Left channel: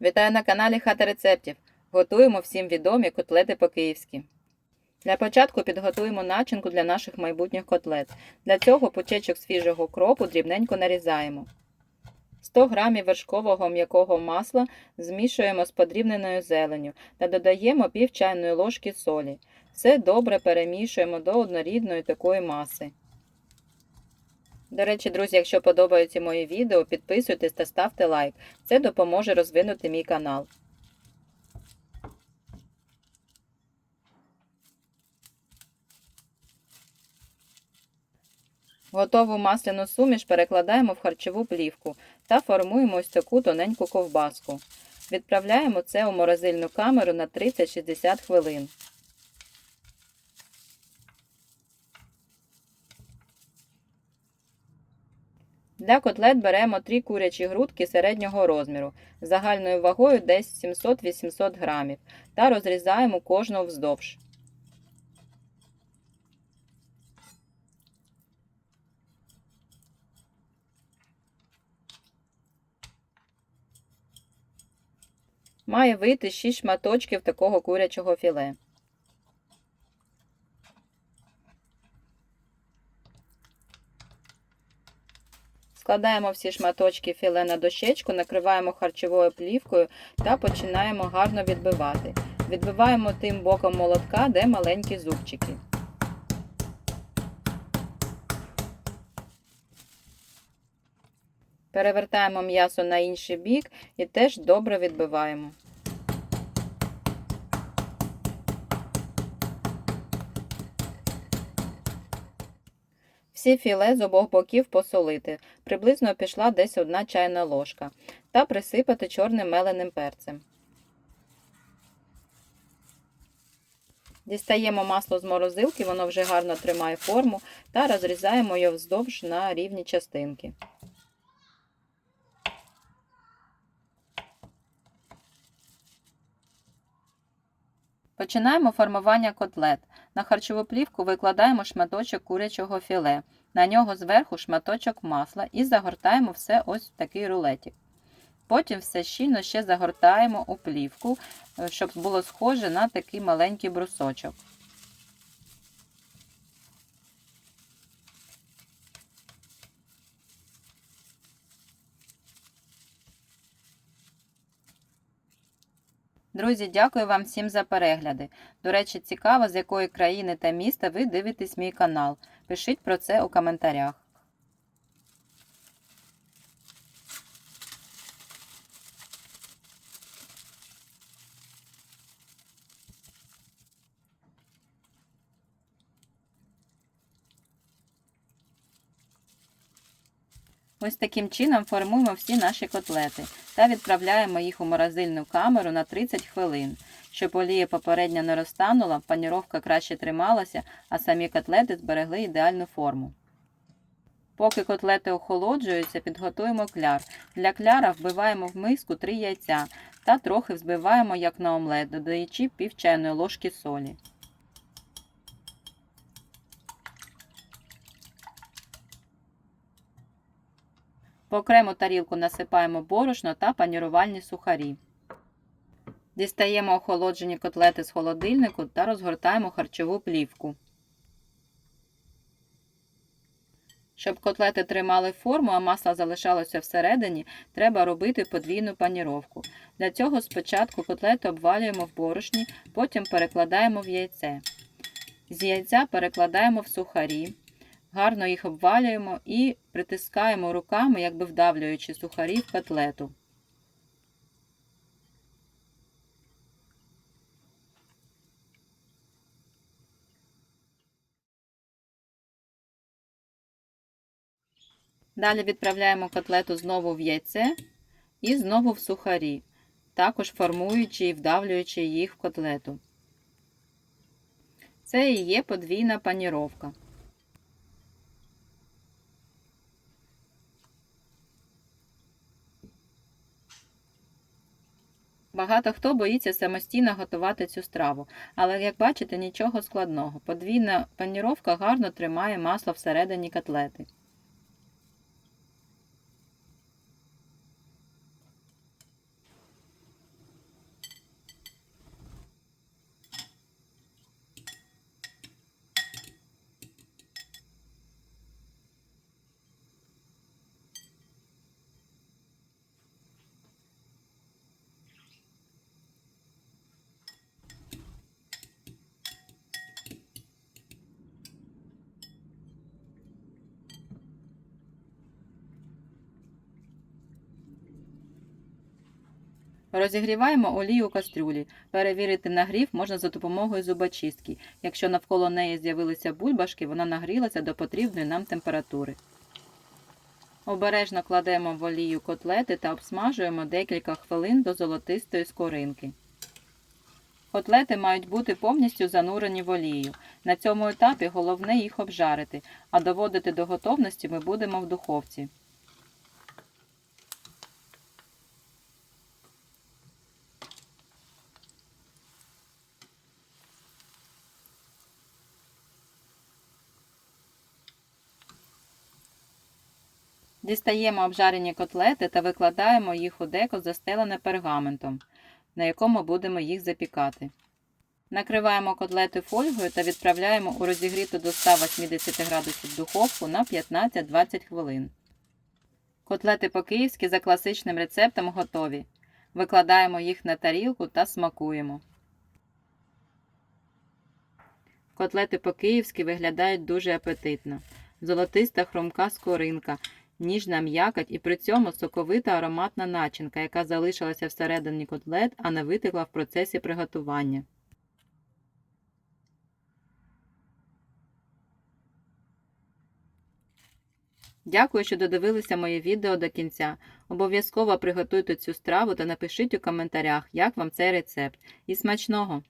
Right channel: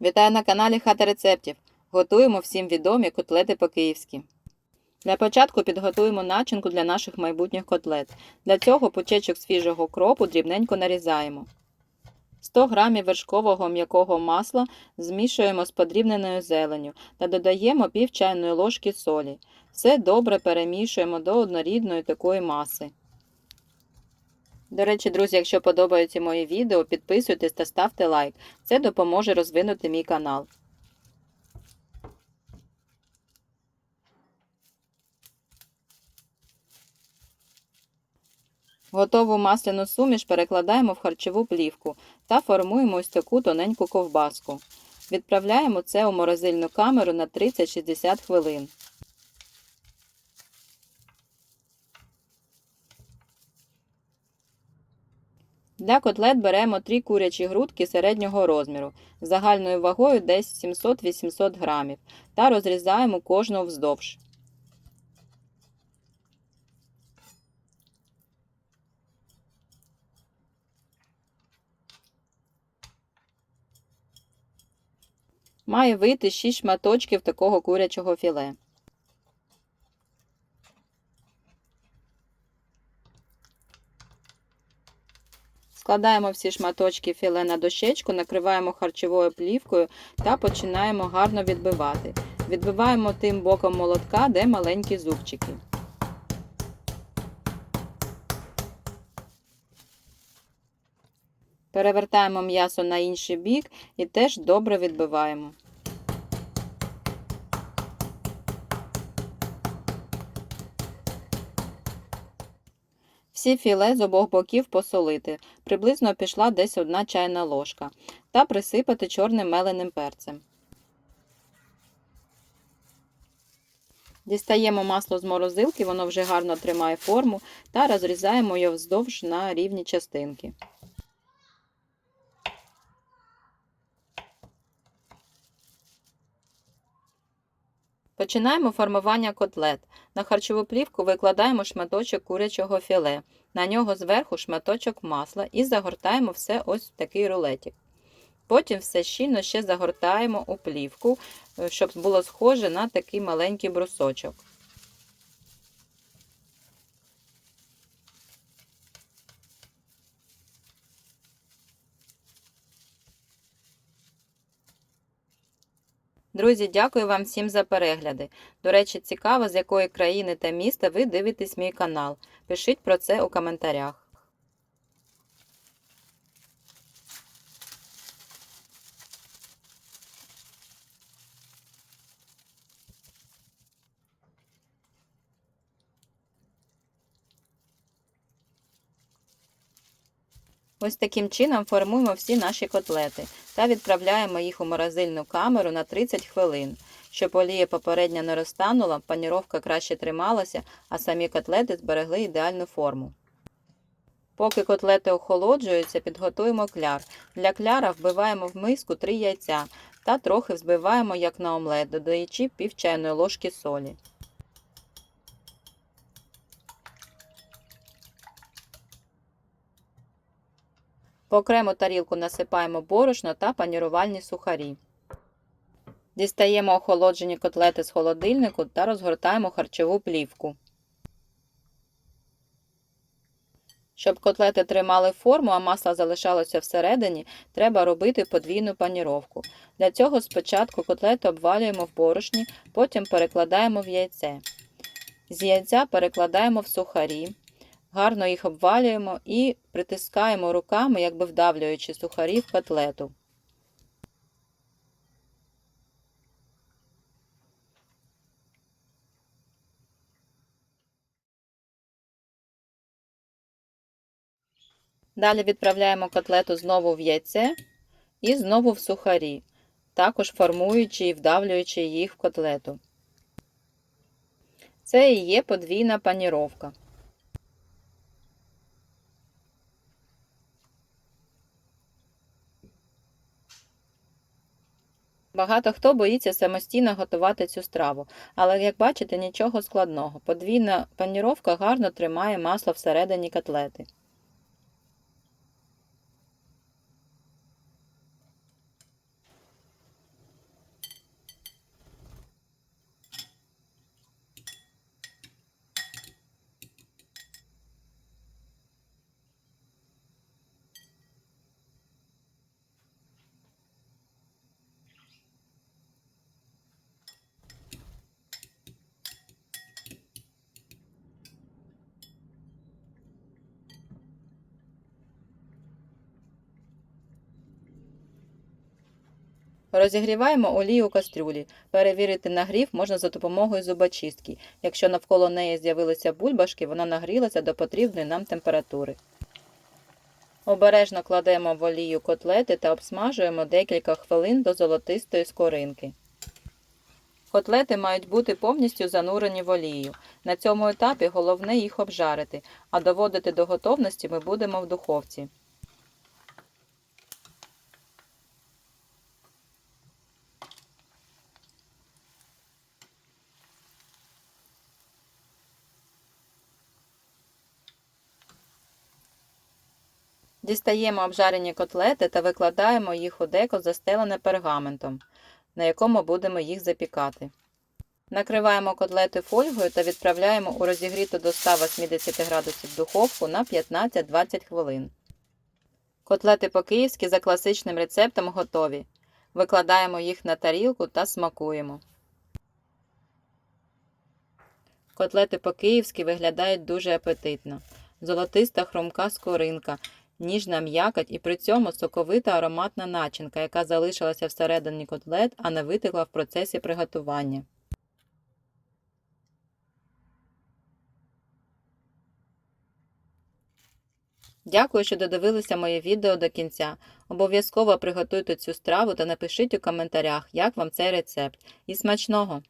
Вітаю на каналі Хата рецептів. Готуємо всім відомі котлети по-київськи. Для початку підготуємо начинку для наших майбутніх котлет. Для цього пучечок свіжого кропу дрібненько нарізаємо. 100 г вершкового м'якого масла змішуємо з подрібненою зеленню та додаємо пів чайної ложки солі. Все добре перемішуємо до однорідної такої маси. До речі, друзі, якщо подобаються мої відео, підписуйтесь та ставте лайк. Це допоможе розвинути мій канал. Готову масляну суміш перекладаємо в харчову плівку та формуємо ось таку тоненьку ковбаску. Відправляємо це у морозильну камеру на 30-60 хвилин. Для котлет беремо 3 курячі грудки середнього розміру, загальною вагою десь 700-800 г, та розрізаємо кожну вздовж. Має вийти 6 шматочків такого курячого філе. Складаємо всі шматочки філе на дощечку, накриваємо харчовою плівкою та починаємо гарно відбивати. Відбиваємо тим боком молотка, де маленькі зубчики. Перевертаємо м'ясо на інший бік і теж добре відбиваємо. Всі філе з обох боків посолити, приблизно пішла десь 1 чайна ложка, та присипати чорним меленим перцем. Дістаємо масло з морозилки, воно вже гарно тримає форму, та розрізаємо його вздовж на рівні частинки. Починаємо формування котлет. На харчову плівку викладаємо шматочок курячого філе, на нього зверху шматочок масла і загортаємо все ось в такий рулетик. Потім все щільно ще загортаємо у плівку, щоб було схоже на такий маленький брусочок. Друзі, дякую вам всім за перегляди. До речі, цікаво, з якої країни та міста ви дивитесь мій канал. Пишіть про це у коментарях. Ось таким чином формуємо всі наші котлети та відправляємо їх у морозильну камеру на 30 хвилин. Щоб олія попередньо не розтанула, паніровка краще трималася, а самі котлети зберегли ідеальну форму. Поки котлети охолоджуються, підготуємо кляр. Для кляра вбиваємо в миску 3 яйця та трохи взбиваємо як на омлет, додаючи пів чайної ложки солі. В окрему тарілку насипаємо борошно та панірувальні сухарі. Дістаємо охолоджені котлети з холодильнику та розгортаємо харчову плівку. Щоб котлети тримали форму, а масло залишалося всередині, треба робити подвійну паніровку. Для цього спочатку котлети обвалюємо в борошні, потім перекладаємо в яйце. З яйця перекладаємо в сухарі. Гарно їх обвалюємо і притискаємо руками, якби вдавлюючи сухарі в котлету. Далі відправляємо котлету знову в яйце і знову в сухарі, також формуючи і вдавлюючи їх в котлету. Це і є подвійна паніровка. Багато хто боїться самостійно готувати цю страву, але, як бачите, нічого складного. Подвійна паніровка гарно тримає масло всередині котлети. Розігріваємо олію у кастрюлі. Перевірити нагрів можна за допомогою зубочистки. Якщо навколо неї з'явилися бульбашки, вона нагрілася до потрібної нам температури. Обережно кладемо в олію котлети та обсмажуємо декілька хвилин до золотистої скоринки. Котлети мають бути повністю занурені в олію. На цьому етапі головне їх обжарити, а доводити до готовності ми будемо в духовці. Дістаємо обжарені котлети та викладаємо їх у деко, застелене пергаментом, на якому будемо їх запікати. Накриваємо котлети фольгою та відправляємо у розігріту до 180 градусів духовку на 15-20 хвилин. Котлети по-київськи за класичним рецептом готові. Викладаємо їх на тарілку та смакуємо. Котлети по-київськи виглядають дуже апетитно. Золотиста хрумка скоринка, ніжна м'якоть і при цьому соковита ароматна начинка, яка залишилася всередині котлет, а не витекла в процесі приготування. Дякую, що додивилися моє відео до кінця. Обов'язково приготуйте цю страву та напишіть у коментарях, як вам цей рецепт. І смачного!